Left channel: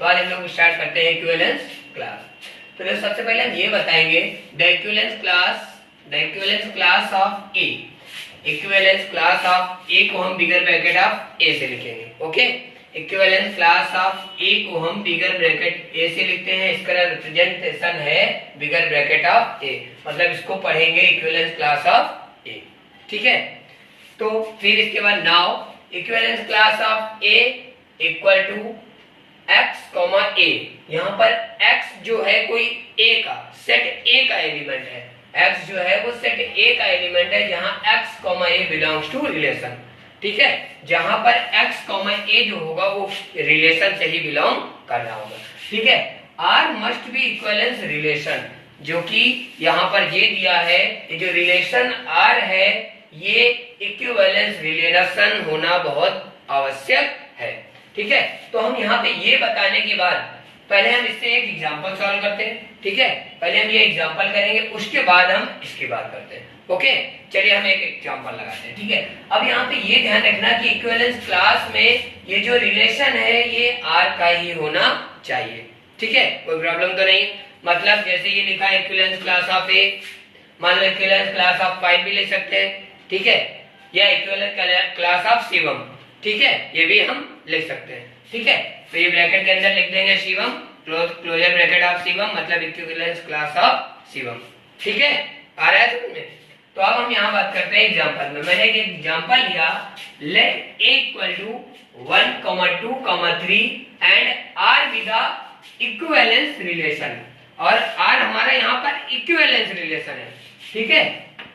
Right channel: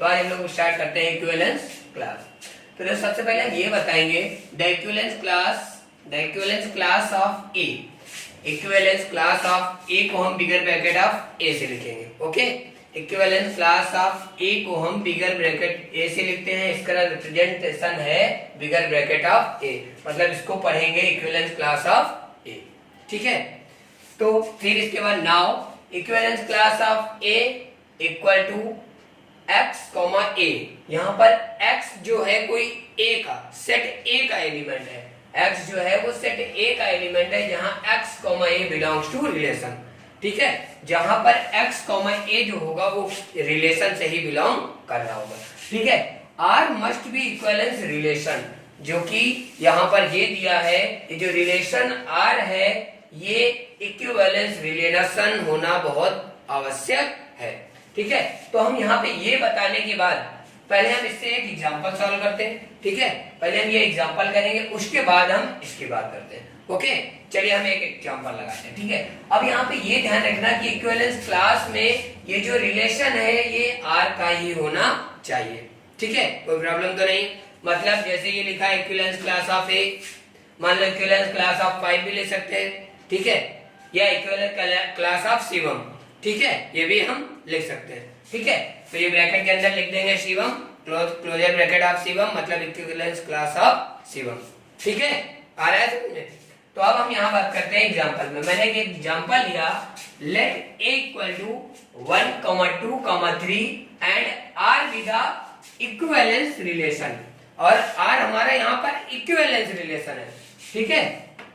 तो आज हम लोग स्टार्ट करते हैं इक्विवेलेंस क्लास। तो सबसे पहले हम ये बताएंगे the equivalence class of A. Equivalence class of A को हम बिगर ब्रैकेट ऑफ ए से लिखेंगे। Okay, equivalence class of A को हम बिगर ब्रैकेट ए से लिखते हैं। इसका रिप्रेजेंटेशन है बिगर ब्रैकेट ऑफ ए, मतलब इसको पढ़ेंगे इक्विवेलेंस क्लास ऑफ ए। ठीक है, तो फिर इसके बाद now equivalence class of a equal to x, a। यहाँ पर x जो है कोई a का सेट a का एलिमेंट है। x जो है वो सेट a का एलिमेंट है जहाँ x, a belongs to relation. ठीक है, जहाँ पर x, a जो होगा वो रिलेशन से ही बिलोंग कर रहा होगा। ठीक है, R must be equivalence relation, जो कि यहाँ पर ये दिया है, ये जो रिलेशन R है ये इक्विवेलेंस रिलेशन होना बहुत आवश्यक है। ठीक है, तो हम यहाँ पे ये बताने के बाद पहले हम इससे एक एग्जांपल सॉल्व करते हैं। ठीक है, पहले हम ये एग्जांपल करेंगे, उसके बाद हम इसकी बात करते हैं। ओके, चलिए हम एक एग्जांपल लगाते हैं। ठीक है, अब यहाँ पे ये ध्यान रखना कि इक्विवेलेंस क्लास में ये जो रिलेशन है ये R का ही होना चाहिए। ठीक है, कोई प्रॉब्लम तो नहीं। मतलब जैसे ये लिखा है इक्विवेलेंस क्लास ऑफ ए, मान लो इक्विवेलेंस क्लास ऑफ 5 भी ले सकते हैं। ठीक है, या इक्विवेलेंस क्लास ऑफ शिवम, ठीक है, ये भी हम लिख सकते हैं। ठीक है, तो ये ब्रैकेट के अंदर लिख देंगे Shivam, closure bracket of Shivam, मतलब इक्विवेलेंस क्लास ऑफ शिवम। ठीक है, आ रहा है समझ में? तो अब हम यहाँ बात करते हैं एग्जांपल में। मैंने एक एग्जांपल लिया, let a equal to 1, 2, 3 and r be the equivalence relation, और r हमारा यहाँ पर इक्विवेलेंस रिलेशन है। ठीक है,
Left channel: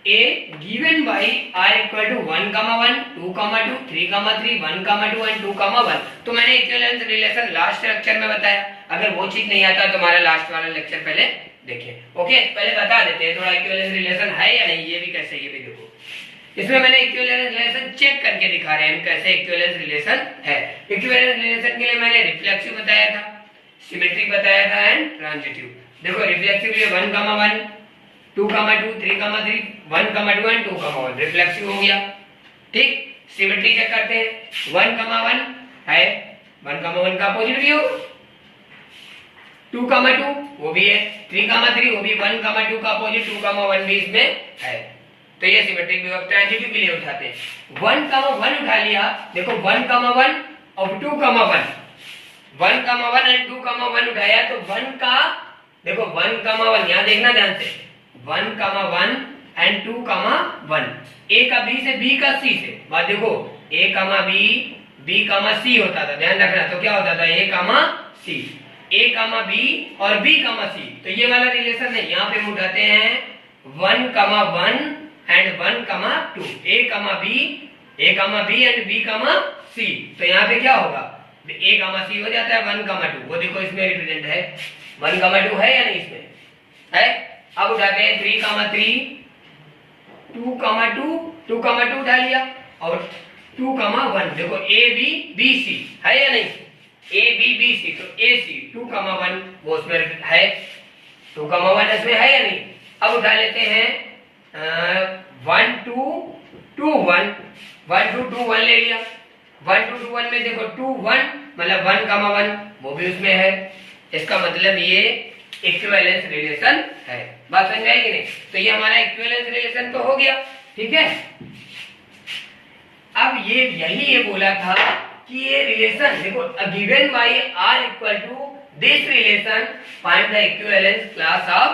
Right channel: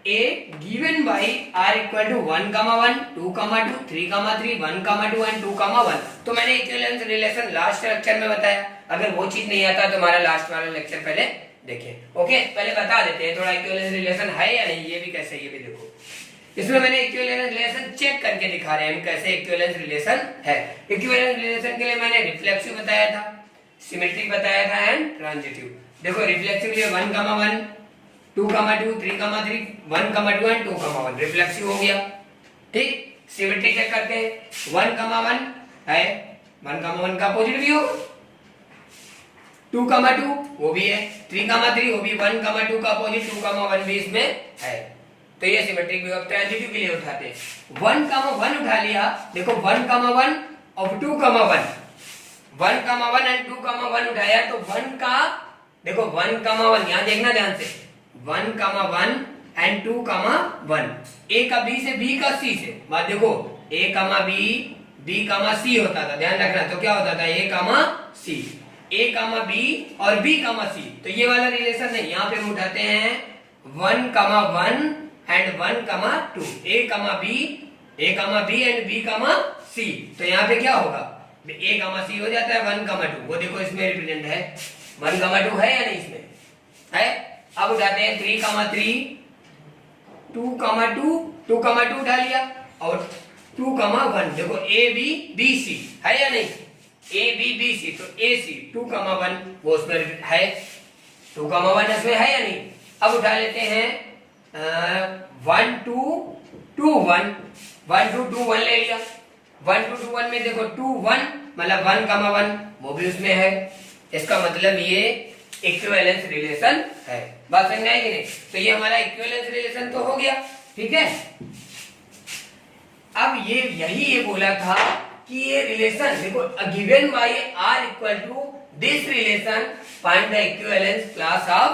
a given by r equal to 1, 1, 2, 2, 3, 3, 1, 2 and 2, 1। तो मैंने इक्विवेलेंस रिलेशन लास्ट लेक्चर में बताया। अगर वो चीज नहीं आता तो हमारा लास्ट वाला लेक्चर पहले देखें। ओके, पहले बता देते हैं थोड़ा इक्विवेलेंस रिलेशन है या नहीं, ये भी कैसे, ये भी देखो। इसमें मैंने इक्विवेलेंस रिलेशन चेक करके दिखा रहे हैं कैसे इक्विवेलेंस रिलेशन है। इक्विवेलेंस रिलेशन के लिए मैंने रिफ्लेक्सिव बताया था, सिमेट्रिक बताया था एंड ट्रांजिटिव। देखो रिफ्लेक्सिव के लिए 1, 1, 2, 2, 3, 3, 1, 2 एंड 2, 1 रिफ्लेक्सिव हो गया। ठीक, सिमेट्री चेक करते हैं, 1, 1 है, 1, 1 का अपोजिट भी होगा, 2, 2 वो भी है, 3, 3 वो भी 1, 2 का अपोजिट 2, 1 भी इसमें है। तो ये सिमेट्रिक भी। अब ट्रांजिटिव के लिए उठाते हैं, 1, 1 उठा लिया। देखो 1, 1 और 2, 1, 1, 1 एंड 2, 1 उठाया तो 1 का, देखो 1, 1 यहाँ देखना ध्यान से, 1, 1 एंड 2, 1, a का b से, b का c से। बात देखो a, b, c होता था, ध्यान रखना। तो क्या होता था a, c, a, b और b, c। तो ये वाला रिलेशन है, यहाँ पे हम उठाते हैं 1, 1 and 1, 2, a, b and b, c। तो यहाँ पे क्या होगा, a, c हो जाता है 1, 2। वो देखो इसमें रिप्रेजेंट है 1, 2 है या नहीं, इसमें है। अब उठाते हैं 3, 3, 2, 2 उठा लिया और 2, 1। देखो a b b c है या नहीं, a b b c, तो a c 2, 1 वो उसमें है, 2, 1 इसमें है या नहीं। अब उठा लेते हैं 1, 2, 2, 1, 1, 2, 2, 1 ले लिया। 1, 2, 2, 1 में देखो 2, 1 मतलब 1, 1 वो भी उसमें है। इसका मतलब ये इक्विवेलेंस रिलेशन है। बात समझ में आई कि नहीं? तो ये हमारा इक्विवेलेंस रिलेशन तो हो गया। ठीक है, अब ये बोला था कि ये रिलेशन देखो given by r equal to this relation find the equivalence class of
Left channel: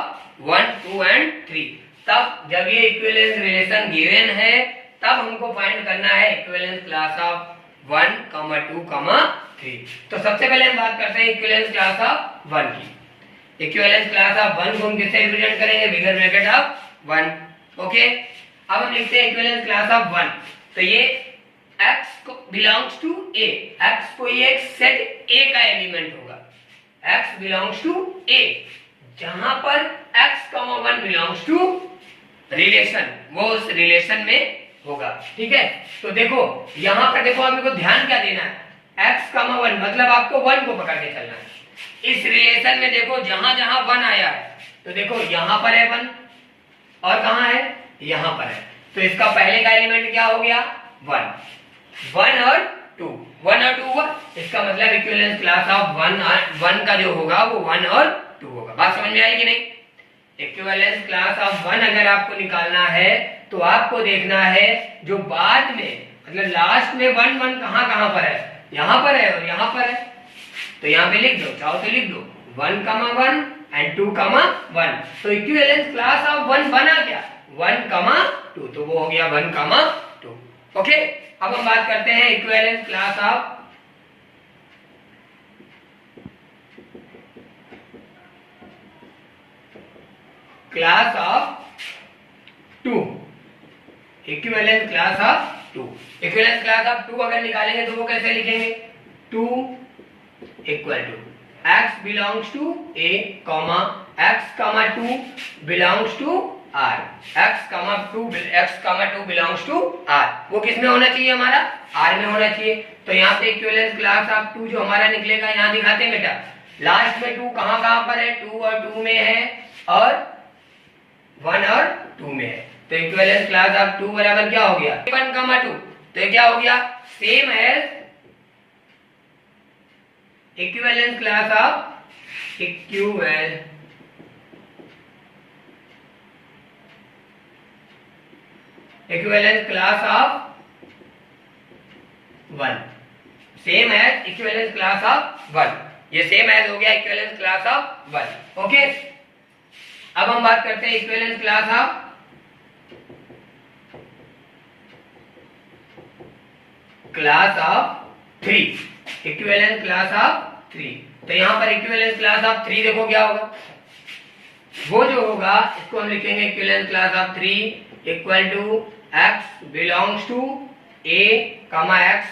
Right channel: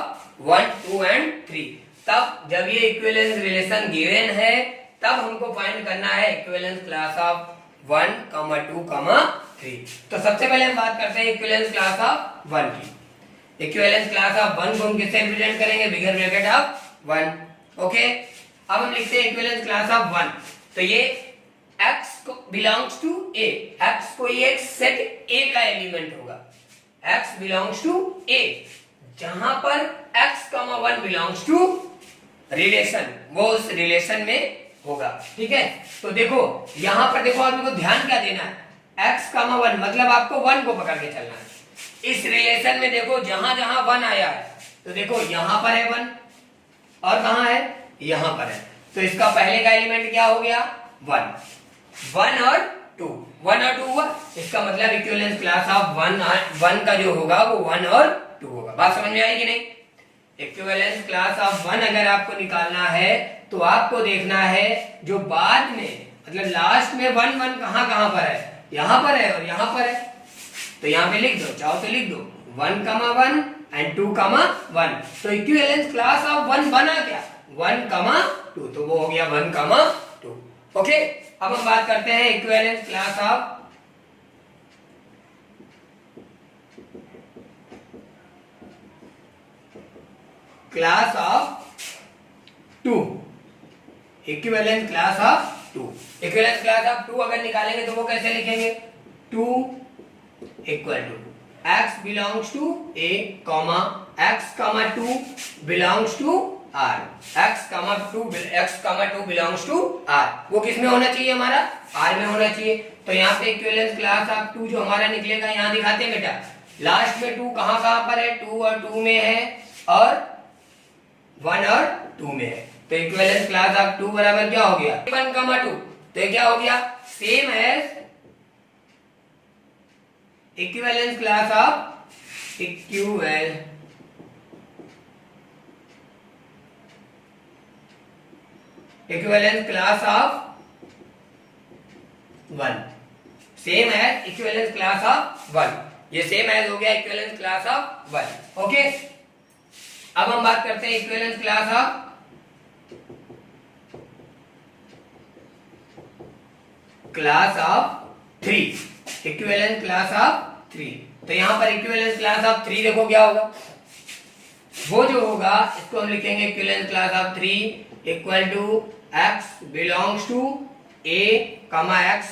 1, 2 and 3। तब जब ये इक्विवेलेंस रिलेशन गिवन है तब हमको फाइंड करना है इक्विवेलेंस क्लास ऑफ 1, 2, 3। तो सबसे पहले हम बात करते हैं इक्विवेलेंस क्लास ऑफ 1 की। इक्विवेलेंस क्लास ऑफ 1 को हम किससे रिप्रेजेंट करेंगे, बिगर ब्रैकेट ऑफ 1। ओके, अब हम लिखते हैं इक्विवेलेंस क्लास ऑफ 1। तो ये x को बिलोंग्स टू a, x कोई एक सेट a का एलिमेंट होगा, x बिलोंग्स टू a, जहां पर x, 1 बिलोंग्स टू रिलेशन, वो उस रिलेशन में होगा। ठीक है, तो देखो यहां पर देखो आपको ध्यान क्या देना है, x, 1 मतलब आपको 1 को पकड़ के चलना है। इस रिलेशन में देखो जहां जहां 1 आया है तो देखो यहां पर है 1 और कहां है, यहां पर है। तो इसका पहले का एलिमेंट क्या हो गया, 1 और 2, 1 और 2 हुआ, इसका मतलब इक्विवेलेंस क्लास ऑफ 1 का जो होगा वो 1 और 2 होगा। बात समझ में आई कि नहीं? इक्विवेलेंस क्लास ऑफ 1 अगर आपको निकालना है तो आपको देखना है जो बाद में मतलब लास्ट में 1 1 कहां पर है, यहां पर है और यहां पर है, तो यहां पे लिख दो, चाहो तो लिख दो 1 1 एंड 2 1। तो इक्विवेलेंस क्लास ऑफ 1 बना क्या, 1 2, तो वो हो गया 1 2। ओके, अब हम बात करते हैं equivalence class of class of 2। Equivalence class of 2, equivalence class of 2 अगर निकालेंगे तो वो कैसे लिखेंगे, 2 equal to x belongs to a, x 2 belongs to r, x 2 belongs to r। वो किस में होना चाहिए, हमारा r में होना चाहिए। तो यहाँ पे इक्विवेलेंस क्लास ऑफ 2 जो हमारा निकलेगा, यहाँ दिखाते हैं बेटा, लास्ट में 2 कहां पर है, 2 और 2 में है और 1 और 2 में है। तो इक्विवेलेंस क्लास ऑफ 2 बराबर क्या हो गया, 1 2। तो ये क्या हो गया, same as equivalence class of equivalence class of 1, same as equivalence class of 1। ये सेम एज हो गया इक्विवेलेंस क्लास ऑफ 1। ओके, अब हम बात करते हैं equivalence class of class of 3, equivalence class of 3। तो यहां पर इक्विवेलेंस क्लास ऑफ 3 देखो क्या होगा, वो जो होगा इसको हम लिखेंगे equivalence class of 3 equal to x belongs to a, x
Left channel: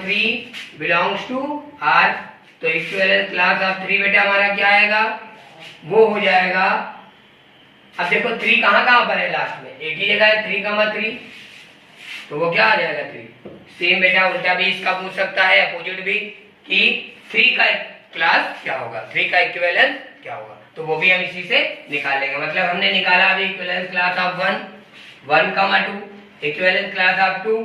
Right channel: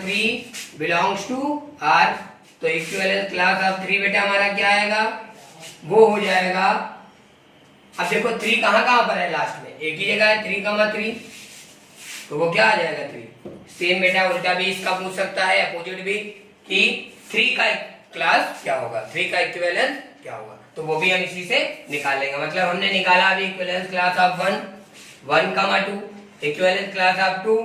3 belongs to r। तो इक्विवेलेंस क्लास ऑफ 3 बेटा हमारा क्या आएगा, वो हो जाएगा, अब देखो 3 कहां पर है, लास्ट में एक ही जगह है, 3 3, तो वो क्या आ जाएगा 3। सेम बेटा उल्टा भी इसका पूछ सकता है, अपोजिट भी, कि 3 का क्लास क्या होगा, 3 का इक्विवेलेंस क्या होगा, तो वो भी हम इसी से निकाल लेंगे। मतलब हमने निकाला अभी equivalence class of 1 2, equivalence class of 2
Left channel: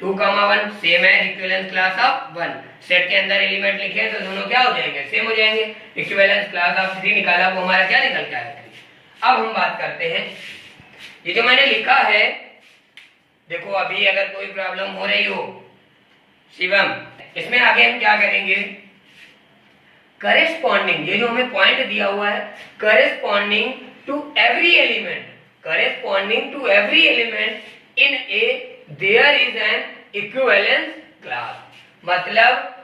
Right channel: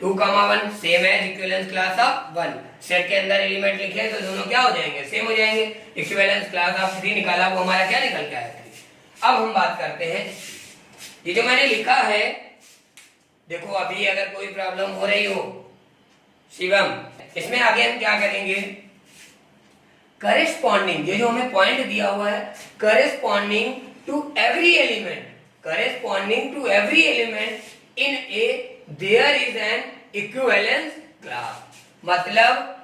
1, same है इक्विवेलेंस क्लास ऑफ 1। सेट के अंदर एलिमेंट लिखे तो दोनों क्या हो जाएंगे, सेम हो जाएंगे। इक्विवेलेंस क्लास ऑफ 3 निकाला, वो हमारा क्या निकल के आया। अब हम बात करते हैं, ये जो मैंने लिखा है, देखो अभी अगर कोई प्रॉब्लम हो रही हो शिवम, इसमें आगे हम क्या करेंगे, करेस्पॉन्डिंग, ये जो हमें पॉइंट दिया हुआ है, corresponding to every element in A there is an equivalence class. मतलब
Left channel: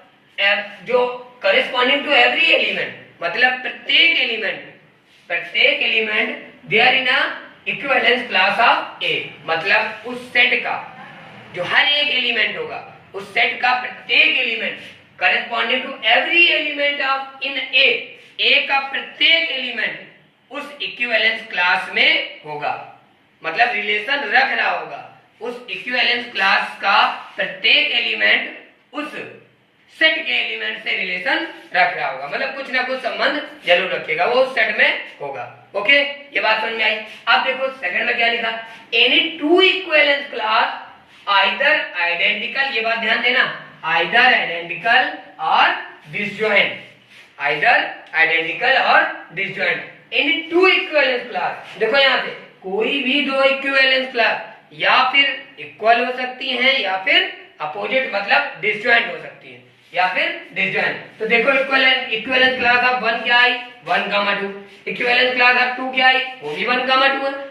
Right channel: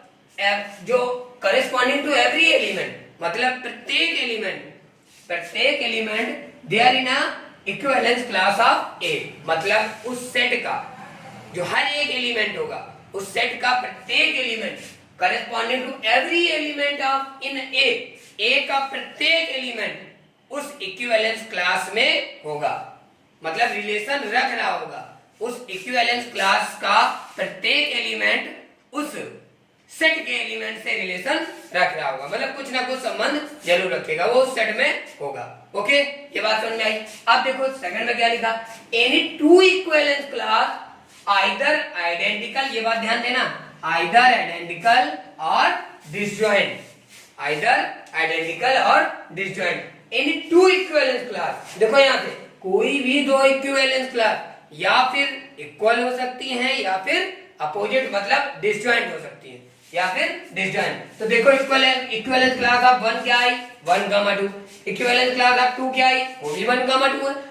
जो करेस्पॉन्डिंग टू एवरी एलिमेंट, मतलब प्रत्येक element there in a equivalence class of A, मतलब उस सेट का जो हर एक एलिमेंट होगा, उस सेट का प्रत्येक element corresponding to every element of in A का प्रत्येक एलिमेंट उस इक्विवेलेंस क्लास में होगा, मतलब रिलेशन रख रहा होगा। उस इक्विवेलेंस क्लास का प्रत्येक एलिमेंट उस सेट के एलिमेंट से रिलेशन रख रहा होगा, मतलब कुछ ना कुछ संबंध जरूर रखेगा, वो उस सेट में होगा। ओके, ये बात समझ में आई। अब देखो सेकंड में क्या लिखा, any two equivalence class either identical, ये बात ध्यान देना, आइदर आइडेंटिकल और डिसजॉइंट, आइदर आइडेंटिकल और disjoint. Any two equivalence class, देखो यहां पे कोई भी दो इक्विवेलेंस क्लास या फिर इक्वल हो सकती हैं या फिर अपोजिट, मतलब डिसजॉइंट हो सकती है या फिर डिसजॉइंट। तो देखो इक्विवेलेंस क्लास ऑफ 1 क्या आई, 1 2, इक्विवेलेंस क्लास ऑफ 2 क्या आई, वो भी 1 2 है,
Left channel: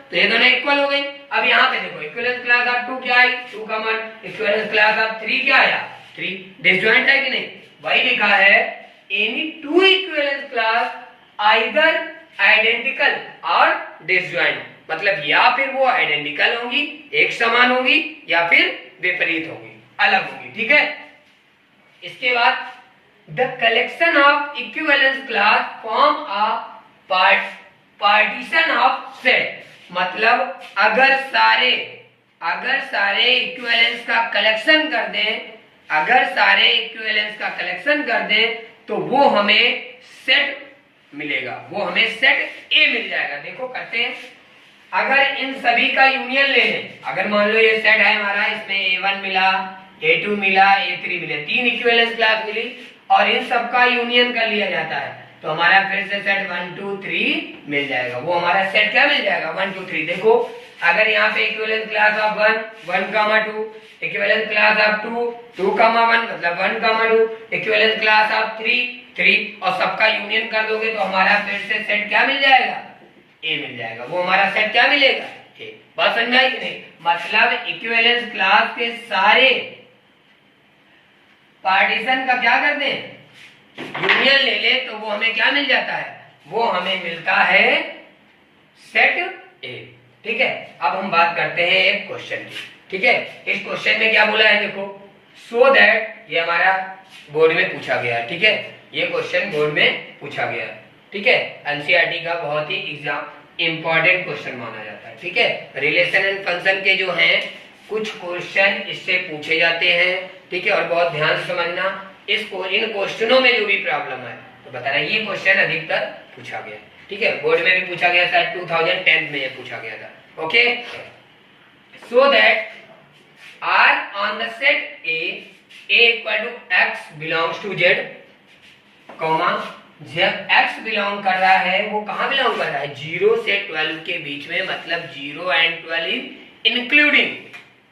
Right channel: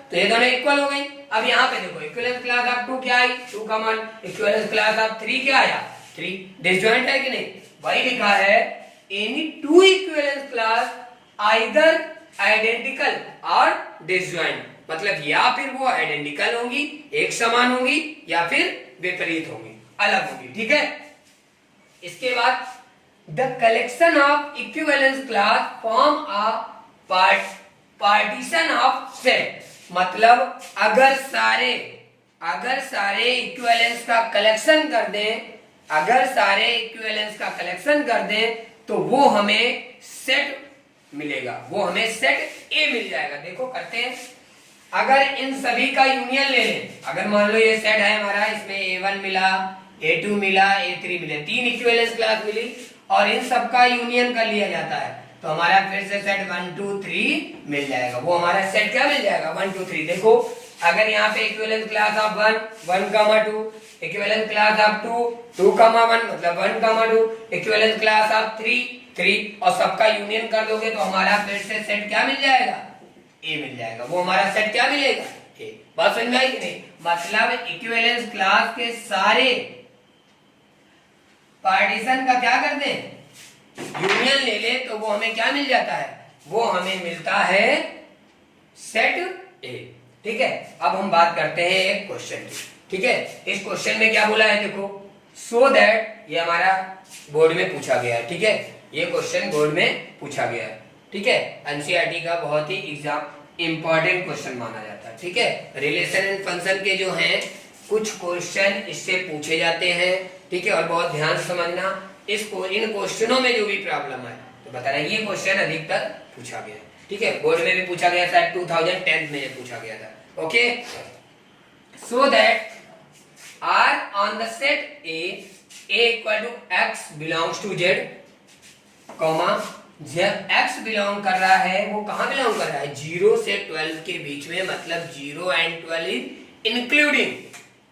तो ये दोनों इक्वल हो गई। अब यहाँ पे देखो इक्विवेलेंस क्लास ऑफ 2 क्या आई, 2 1, इक्विवेलेंस क्लास ऑफ 3 क्या आया, 3। डिसजॉइंट है कि नहीं, वही लिखा है, any two equivalence class either identical और डिसजॉइंट, मतलब या फिर वो आइडेंटिकल होगी, एक समान होगी, या फिर विपरीत होगी, अलग होगी। ठीक है, इसके बाद the collection of equivalence class form a partition of set, मतलब अगर सारे इक्विवेलेंस का कलेक्शन कर दें, अगर सारे इक्विवेलेंस का कलेक्शन कर दें तो वो हमें सेट मिलेगा, वो हमें सेट ए मिल जाएगा। देखो करते हैं, अगर इन सभी का यूनियन ले लें, अगर मान लो ये सेट है हमारा, इसमें A1 मिला, A2 मिला, A3 मिले, 3 इक्विवेलेंस क्लास मिली और इन सबका यूनियन कर लिया जाता है तो हमारा फिर से सेट 1 2 3 मिल जाएगा। वो हमारा सेट क्या मिल जाएगा 1 2 3। देखो अगर यहाँ पे equivalence class of 1 1 2, equivalence class of 2 2 1 मतलब 1 2, इक्विवेलेंस क्लास ऑफ 3 3 और सबका यूनियन कर दोगे तो हमारा फिर से सेट क्या मिल जाएगा ए मिल जाएगा। वो हमारा सेट क्या मिलेगा ए। बात समझ में आई कि नहीं? मतलब इक्विवेलेंस क्लास के सारे पार्टीशन का क्या करते हैं यूनियन ले ले तो वो हमें क्या मिल जाता है, वो हमें मिलता है सेट ए। ठीक है, अब हम बात करते हैं एक क्वेश्चन की। ठीक है, इस क्वेश्चन में क्या बोला है देखो, सो दैट, ये हमारा बोर्ड में पूछा गया है। ठीक है, ये क्वेश्चन बोर्ड में पूछा गया है। ठीक है, एनसीईआरटी का बहुत ही एग्जाम इंपॉर्टेंट क्वेश्चन माना जाता है। ठीक है, रिलेशन एंड फंक्शन के जो हैं कुछ क्वेश्चन इससे पूछे जाते हैं। ठीक है, और बहुत ध्यान से समझना, इन क्वेश्चनों में जो भी प्रॉब्लम है तो बता रहा ये क्वेश्चन अधिकतर पूछा गया है। ठीक है, बोर्ड में भी पूछा गया था, 2010 में ये पूछा गया था। Okay, so that are on the set a equal to x belongs to z, comma जब x बिलोंग कर रहा है वो कहां बिलोंग कर रहा है 0 से 12 के बीच में, मतलब 0 and 12 in including,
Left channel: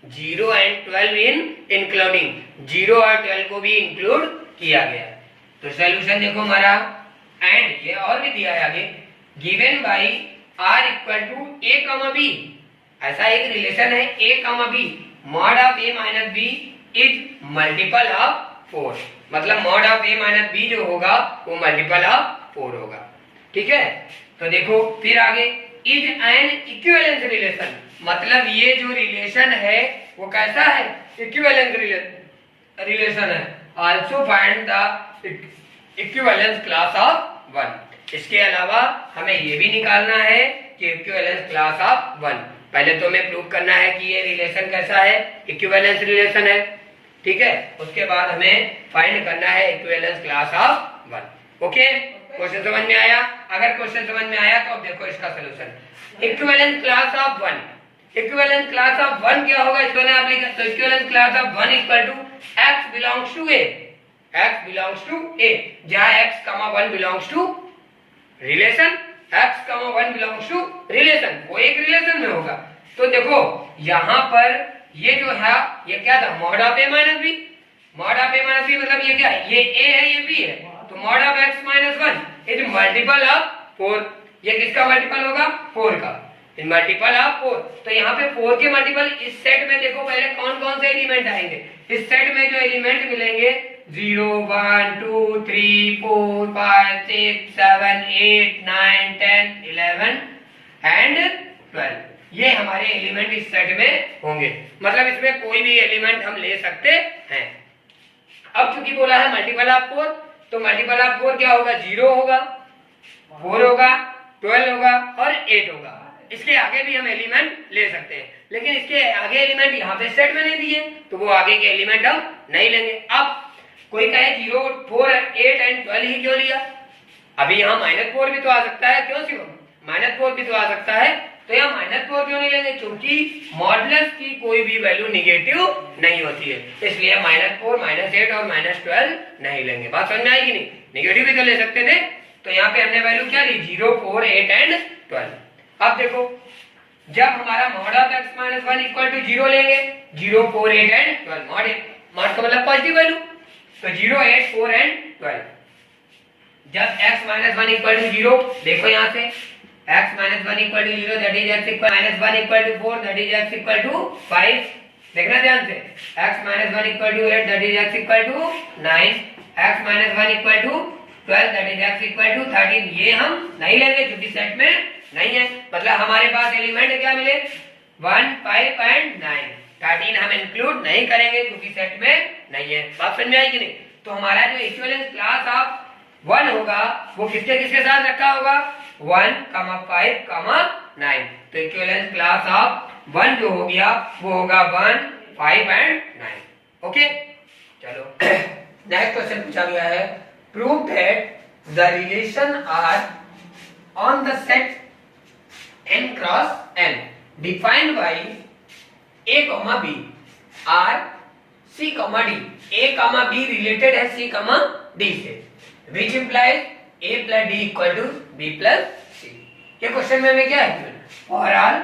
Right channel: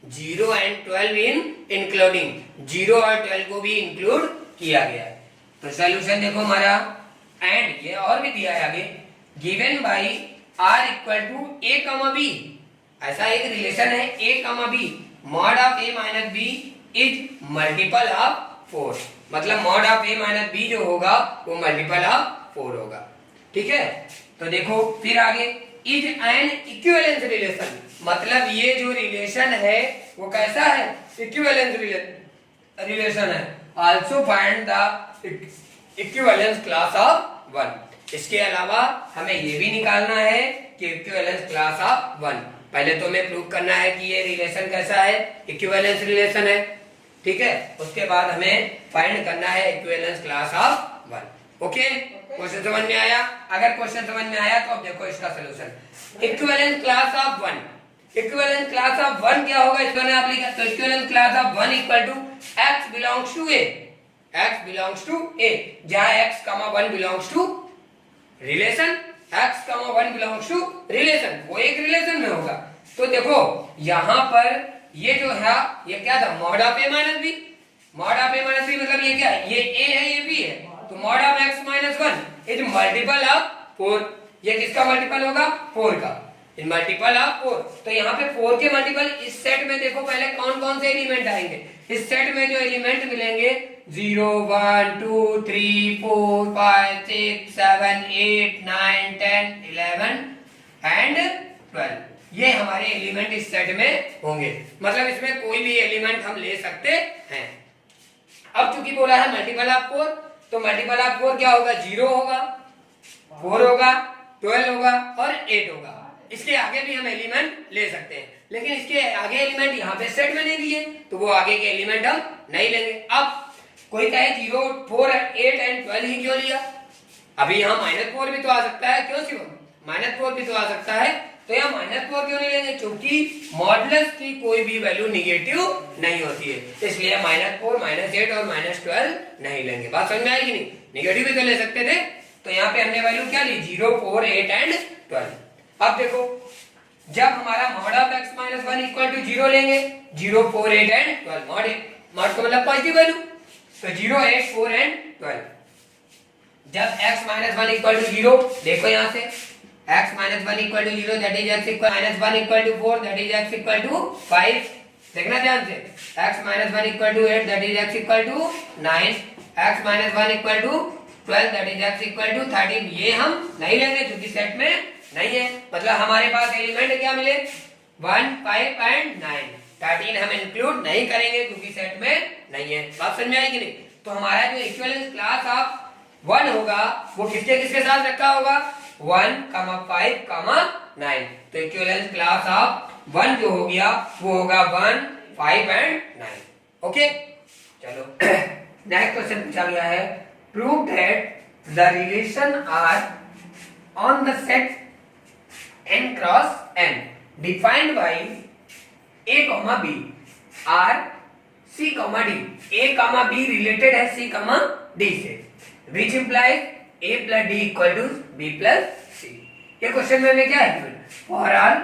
0 and 12 in including, 0 और 12 को भी इंक्लूड किया गया। तो सॉल्यूशन देखो हमारा, एंड ये और भी दिया है आगे, given by r equal to a comma b, ऐसा एक रिलेशन है a comma b, mod of a minus b is multiple of 4, मतलब mod of a minus b जो होगा वो मल्टीपल ऑफ 4 होगा। ठीक है, तो देखो फिर आगे, इज एन इक्विवेलेंस रिलेशन, मतलब ये जो रिलेशन है वो कैसा है इक्विवेलेंस रिलेशन है। Also find the equivalence class of 1, इसके अलावा हमें ये भी निकालना है कि इक्विवेलेंस क्लास ऑफ 1। पहले तो हमें प्रूव करना है कि ये रिलेशन कैसा है, इक्विवेलेंस रिलेशन है। ठीक है, उसके बाद हमें फाइंड करना है equivalence class of 1। Okay, question समझ में आया? अगर क्वेश्चन समझ में आया तो अब देखो इसका solution. Equivalence class of 1, equivalence class of 1 क्या होगा इसको आप लिखा, तो equivalence class of 1 equal to x belongs to a, x belongs to a, जहां x, 1 belongs to relation, x, 1 belongs to relation, वो एक रिलेशन में होगा। तो देखो यहां पर ये जो है ये क्या था mod of a minus b, mod of a minus b मतलब ये क्या है, ये a है ये b है, तो mod of x minus 1 is multiple of 4, ये किसका मल्टीपल होगा 4 का, इन मल्टीपल ऑफ 4। तो यहाँ पे 4 के मल्टीपल इस सेट में देखो पहले कौन कौन से एलिमेंट आएंगे, इस सेट में जो एलिमेंट मिलेंगे 0 1 2 3 4 5 6 7 8 9 10 11 एंड 12, ये हमारे एलिमेंट इस सेट में होंगे, मतलब इसमें कोई भी एलिमेंट हम ले सकते हैं। अब क्योंकि बोला है मल्टीपल ऑफ 4, तो मल्टीपल ऑफ 4 क्या होगा 0 होगा, 4 होगा, 12 होगा और 8 होगा। इसके आगे भी हम एलिमेंट ले सकते हैं, लेकिन इसके आगे एलिमेंट यहाँ पे सेट में नहीं दिए तो वो आगे के एलिमेंट हम नहीं लेंगे। अब कोई कहे 0 4 8 एंड 12 ही क्यों लिया, अभी यहाँ -4 भी तो आ सकता है, क्यों शिवम -4 भी तो आ सकता है, तो यहाँ -4 क्यों नहीं लेंगे, क्योंकि मॉडुलस की कोई भी वैल्यू निगेटिव नहीं होती है, इसलिए -4 -8 और -12 नहीं लेंगे। बात समझ में आएगी नहीं, निगेटिव भी तो ले सकते थे, तो यहाँ पे हमने वैल्यू क्या ली 0 4 8 एंड 12। अब देखो जब हमारा mod of x minus 1 equal to 0 लेंगे, 0 4 8 एंड 12, मॉड का मतलब पॉजिटिव वैल्यू, तो 0 8 4 एंड 12। जब x माइनस 1 इक्वल टू 0, देखो यहाँ से x minus 1 equal to 0 that is x equal minus 1 equal to 4 that is x equal to 5, देखना ध्यान से, x minus 1 equal to 8 that is x equal to 9, x minus 1 equal to 12 that is x equal to 13, ये हम नहीं लेंगे क्योंकि set में नहीं है, मतलब हमारे पास एलिमेंट क्या मिले 1 5 एंड 9, 13 हम इंक्लूड नहीं करेंगे क्योंकि सेट में नहीं है। बात समझ में आई कि नहीं? तो हमारा जो इक्विवेलेंस क्लास ऑफ 1 होगा वो किसके किसके साथ रखा होगा 1 5 9, तो इक्विवेलेंस क्लास ऑफ 1 जो हो गया वो होगा 1 5 एंड 9। ओके, चलो नेक्स्ट क्वेश्चन पूछा गया है, prove that the relation R on the set n cross n defined by a comma b are C comma D, A comma B related है सी कॉमा डी से, which implies A plus D equal to B plus C. ये question में क्या है, for all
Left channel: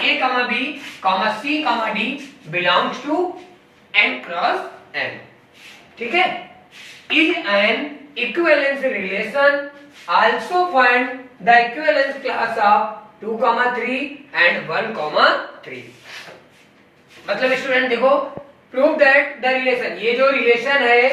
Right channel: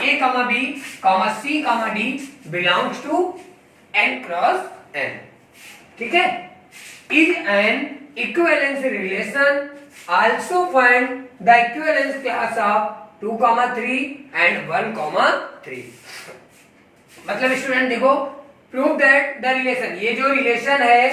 A comma B comma C comma D belongs to n cross n, ठीक है, is an equivalence relation, also find the equivalence class of 2, 3 and 1, 3। मतलब student देखो, prove that the relation, ये जो relation है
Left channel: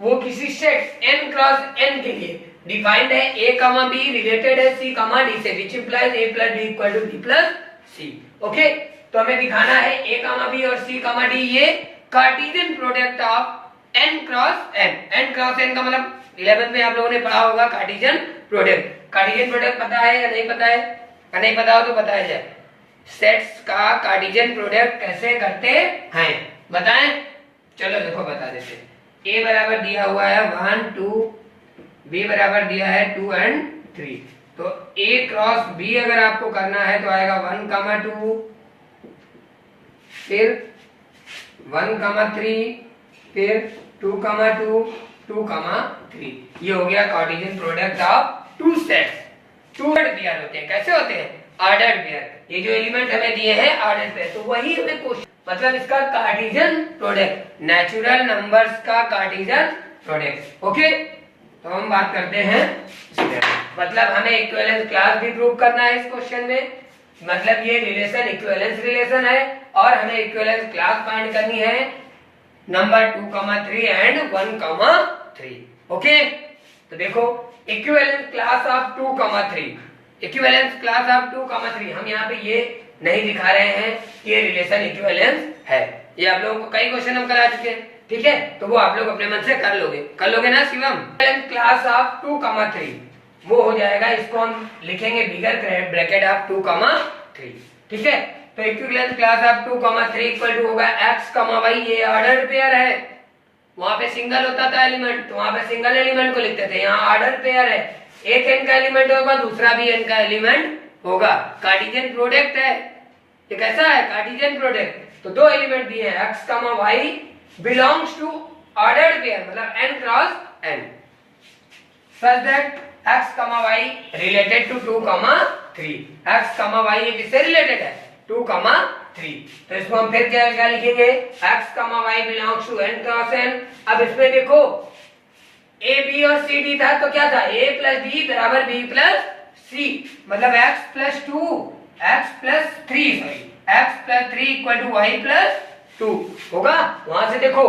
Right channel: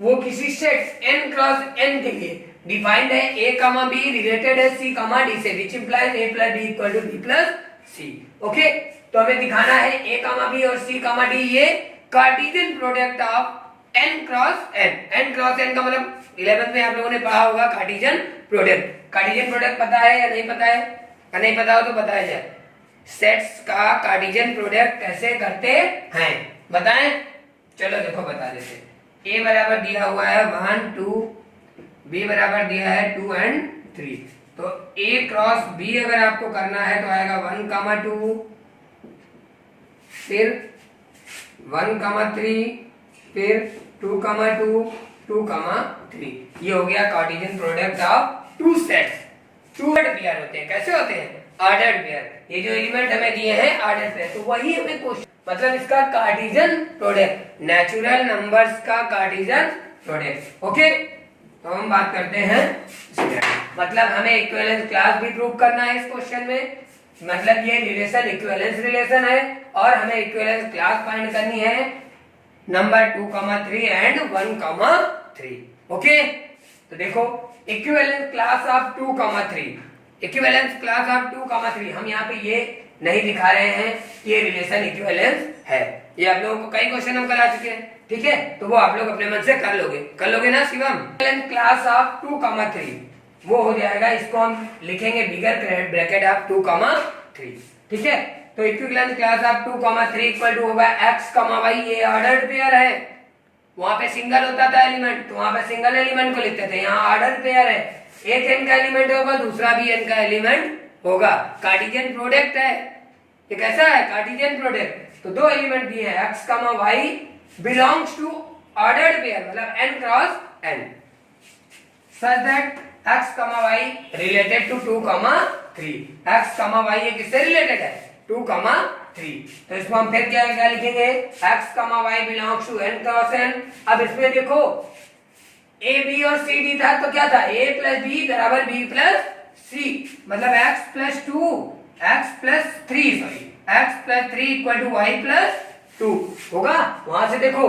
वो किसी set n cross n के लिए डिफाइंड है, a कॉमा b रिलेटेड है c कॉमा d से, which implies a plus d equal to b plus c। Okay, तो हमें दिखाना है a कॉमा b और c कॉमा d ये Cartesian product of n cross n। n cross n का मतलब 11th में आप लोगों ने पढ़ा होगा कार्टेशियन प्रोडक्ट। कार्टेशियन प्रोडक्ट पता है या नहीं पता है? नहीं पता हो तो बताया जाए, सेट्स का कार्टेशियन प्रोडक्ट कैसे करते हैं बताएं। चलो देखो बता देते, a बराबर दिया हुआ है 1 2, b बराबर दिया है 2 एंड 3, तो a क्रॉस b अगर आपको करना है तो आएगा 1, 2, फिर 1, 3, फिर 2, 2, 2, 3। ये हो गया Cartesian product of two sets. Two pair होते हैं, कैसे होते हैं? Ordered pair. ये जो एलिमेंट हमें दिए हैं ऑर्डर्ड पेयर, तो वही हमें क्वेश्चन, मतलब इसका कार्टेशियन प्रोडक्ट, नेचुरल नंबर्स का कार्टेशियन प्रोडक्ट। ओके, तो हम बात करते हैं, मतलब हमें इक्विवेलेंस क्लास भी प्रूव करना है इस क्वेश्चन में, मतलब ये रिलेशन इक्विवेलेंस रिलेशन है और हमें इक्विवेलेंस क्लास फाइंड करनी है नंबर 2, 3 एंड 1, 3। ओके, तो देखो equivalence class of 2, 3, equivalence class of 2, 3, हम यहाँ पे ये नहीं दिखा रहे हैं कि ये रिलेशन इक्विवेलेंस है, ये आप लोगों को कई क्वेश्चन हम करा चुके हैं, ठीक है, तो वो आप लोग अपने मन से कर लोगे ना शिवम। क्लास ऑफ 2, 3 वो हो जाएगा, इसको हम लिखेंगे बिगर ब्रैकेट ऑफ 2, 3, ठीक है। तो equivalence class of 2, 3 equal to होगा x, y, ये ऑर्डर्ड पेयर है, वहां पे सिंगल होता था एलिमेंट तो वहां पे सिंगल एलिमेंट को लिखते थे, यहाँ ऑर्डर पेयर है, एक n का एलिमेंट होगा दूसरा भी n का एलिमेंट होगा, कार्टेशियन प्रोडक्ट है, ये कैसा है कार्टेशियन प्रोडक्ट। तो दो एलिमेंट दिए हैं x, y belongs to ordered pair, मतलब n cross n, such that x, y related to 2, 3। x, y ये किससे रिलेटेड है? 2, 3। तो इसको हम फिर क्या लिखेंगे, x, y belongs to n cross n। अब इसमें देखो a, b और c, d था, तो क्या था, a प्लस b बराबर b प्लस c, मतलब x plus 2, x plus 3, sorry x plus 3 equal to y plus 2 होगा। वहां से देखो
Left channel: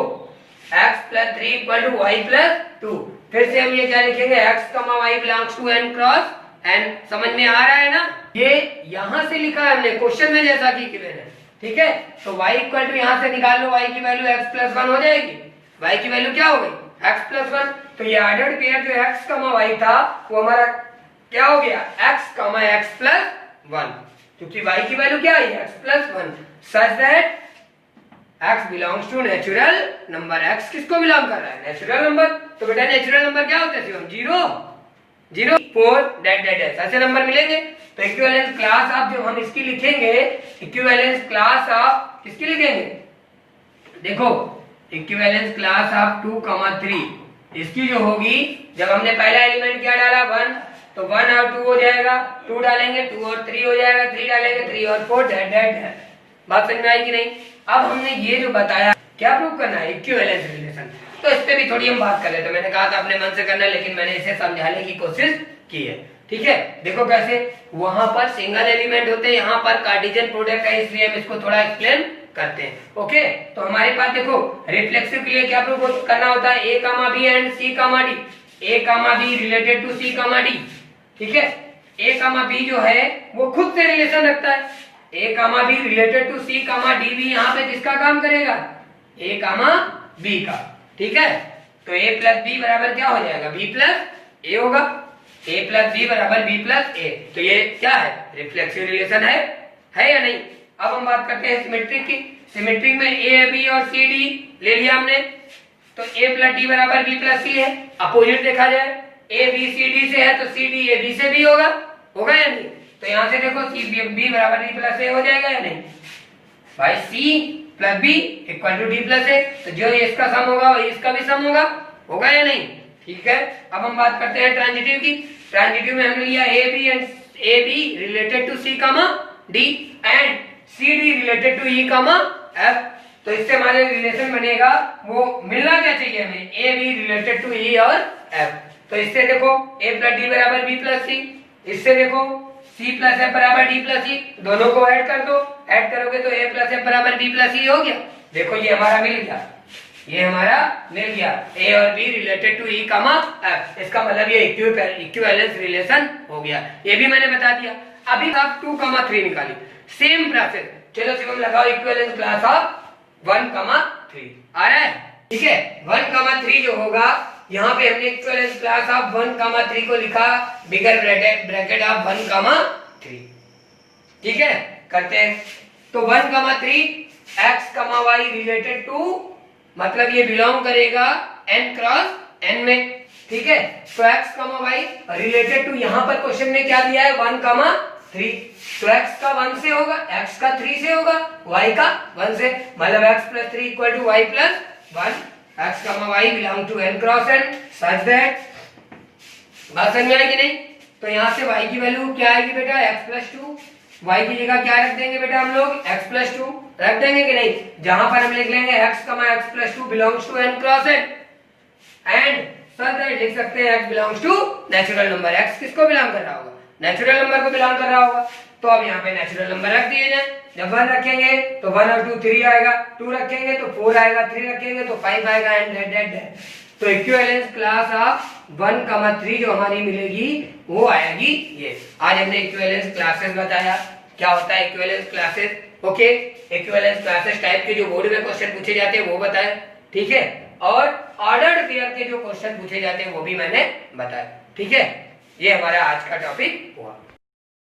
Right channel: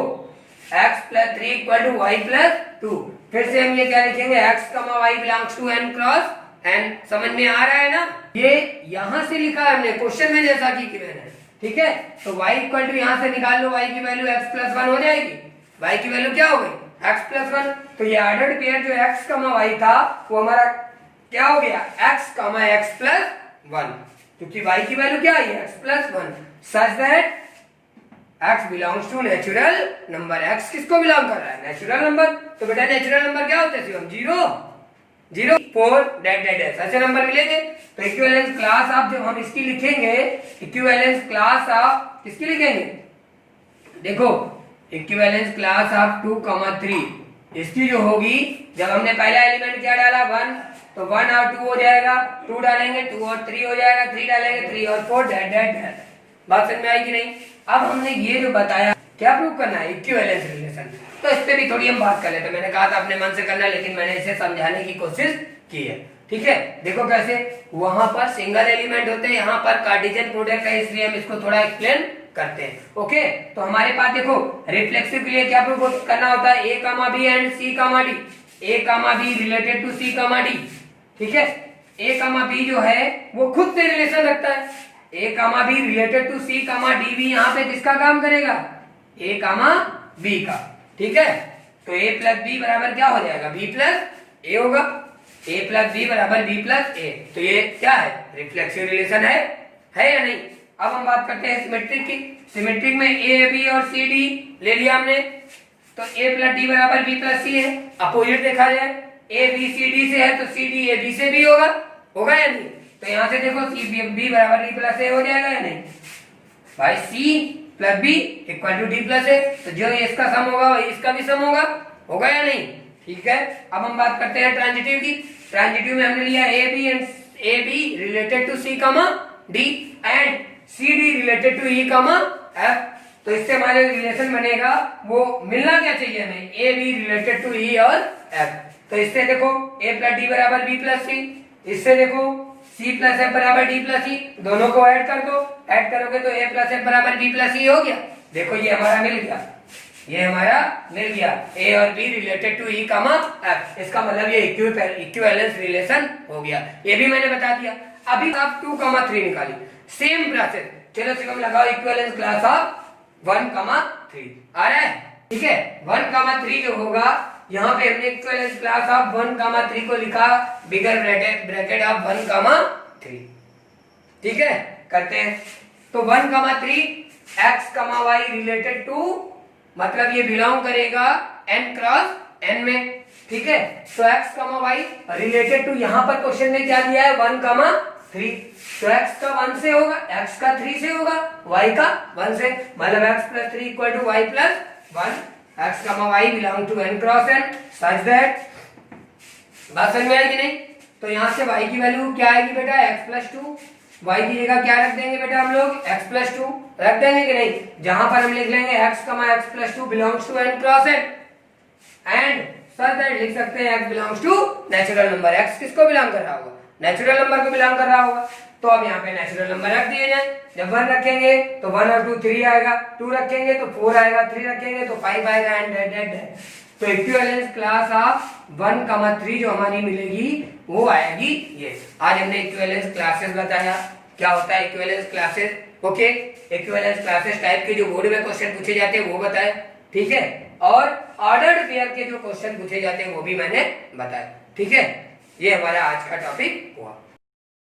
x plus 3 equal to y plus 2, फिर से हम ये क्या लिखेंगे, x, y belongs to n cross n। समझ में आ रहा है ना? ये यहां से लिखा है हमने क्वेश्चन में जैसा कि गिवन है, ठीक है। तो y इक्वल टू यहां से निकाल लो, y की वैल्यू x प्लस 1 हो जाएगी, y की वैल्यू क्या हो गई, x प्लस 1। तो ये ऑर्डर्ड पेयर जो x, y था वो हमारा क्या हो गया, x, x प्लस 1, क्योंकि y की वैल्यू क्या है, x plus 1, such that x belongs to natural number. x किसको बिलोंग कर रहा है, नेचुरल नंबर। तो बेटा नेचुरल नंबर क्या होते हैं, 0, 0, 4 डैट ऐसे नंबर मिलेंगे। तो इक्विवेलेंस क्लास ऑफ, जब हम इसकी लिखेंगे इक्विवेलेंस क्लास ऑफ, किसकी लिखेंगे, देखो इक्विवेलेंस क्लास ऑफ 2, 3 इसकी जो होगी, जब हमने पहला एलिमेंट क्या डाला 1, तो 1 और 2 हो जाएगा, 2 डालेंगे 2 और 3 हो जाएगा, 3 डालेंगे 3 और 4 डैट। बात समझ में आएगी नहीं? अब हमने ये जो बताया क्या प्रूव करना है, इक्विवेलेंस रिलेशन, तो इस पे भी थोड़ी हम बात कर लेते हैं। मैंने कहा था अपने मन से करना, लेकिन मैंने इसे समझाने की कोशिश की है, ठीक है। देखो कैसे, वहां पर सिंगल एलिमेंट होते हैं, यहाँ पर कार्टेशियन प्रोडक्ट है, इसलिए हम इसको थोड़ा एक्सप्लेन करते हैं। ओके, तो हमारे पास देखो रिफ्लेक्सिव के लिए क्या प्रूव करना होता है, a, b and c, d, a, b related to c, d, ठीक है। a, b जो है वो खुद से रिलेशन रखता है, a, b related to c, d भी यहाँ पे किसका काम करेगा, a, b का, ठीक है। तो a प्लस b बराबर क्या हो जाएगा, b प्लस a होगा, a प्लस b बराबर b प्लस a। तो ये क्या है, रिफ्लेक्सिव रिलेशन है या नहीं? अब हम बात करते हैं सिमेट्रिक की। सिमेट्रिक में a, b और c, d ले लिया हमने, तो a प्लस d बराबर b प्लस c है। अपोजिट देखा जाए, a b c d से है तो c d a b से भी होगा या नहीं? तो यहाँ से देखो c b बराबर d प्लस a हो जाएगा या नहीं भाई, c plus B equal to D plus A. तो जो इसका सम होगा वही इसका भी सम होगा, होगा या नहीं? ठीक है। अब हम बात करते हैं ट्रांजिटिव की। ट्रांजिटिव में हमने लिया A B and A B related to C comma D and C D related to E comma F. तो इससे हमारे रिलेशन बनेगा, वो मिलना क्या चाहिए हमें, ए बी रिलेटेड टू ई और एफ। तो इससे देखो ए प्लस डी बराबर बी प्लस सी, इससे देखो सी प्लस एफ बराबर डी प्लस ई, दोनों को ऐड कर दो, ऐड करोगे तो ए प्लस एफ बराबर डी प्लस ई हो गया। देखो ये हमारा मिल गया, ये हमारा मिल गया, ए और B related to E comma F. इसका मतलब ये इक्विवेलेंस रिलेशन हो गया, ये भी मैंने बता दिया। अभी आप 2, 3 निकाली, सेम प्रोसेस। चलो सिर्फ लगाओ इक्विवेलेंस क्लास ऑफ 1, 3 आ रहा है, ठीक है। 1, 3 जो होगा, यहाँ पे हमने इक्विवेलेंस क्लास ऑफ 1, 3 को लिखा बिगर ब्रैकेट ऑफ 1, 3, ठीक है। करते हैं तो 1, 3 x, y रिलेटेड टू, मतलब ये बिलोंग करेगा n क्रॉस n में, ठीक है। तो x, y रिलेटेड टू, यहाँ पर क्वेश्चन में क्या दिया है 1, 3, तो x का 1 से होगा, x का 3 से होगा, y का 1 से, मतलब x plus 3 equal to y plus 1। x, y belong to n cross n such that, बात समझ में आई कि नहीं? तो यहाँ से y की वैल्यू क्या आएगी बेटा, x प्लस 2, y की जगह क्या रख देंगे बेटा हम लोग, x प्लस 2 रख देंगे कि नहीं? जहां पर हम लिख लेंगे x, x plus 2 belongs to n cross n and such that लिख सकते हैं x belongs to natural number. x किसको बिलोंग कर रहा होगा, नेचुरल नंबर को बिलोंग कर रहा होगा। तो अब यहाँ पे नेचुरल नंबर रख दिए जाए, जब 1 रखेंगे तो 1 और 2 3 आएगा, 2 रखेंगे तो 4 आएगा, 3 रखेंगे तो 5 आएगा एंड दैट। तो इक्विवेलेंस क्लास ऑफ 1, 3 जो हमारी मिलेगी वो आएगी ये। आज हमने इक्विवेलेंस क्लासेस बताया, क्या होता है equivalence classes, okay. Equivalence classes type के जो बोर्ड में क्वेश्चन पूछे जाते हैं वो बताए, ठीक है। और ऑर्डर्ड पेयर के जो क्वेश्चन पूछे जाते हैं वो भी मैंने बताया, ठीक है। ये हमारा आज का टॉपिक हुआ।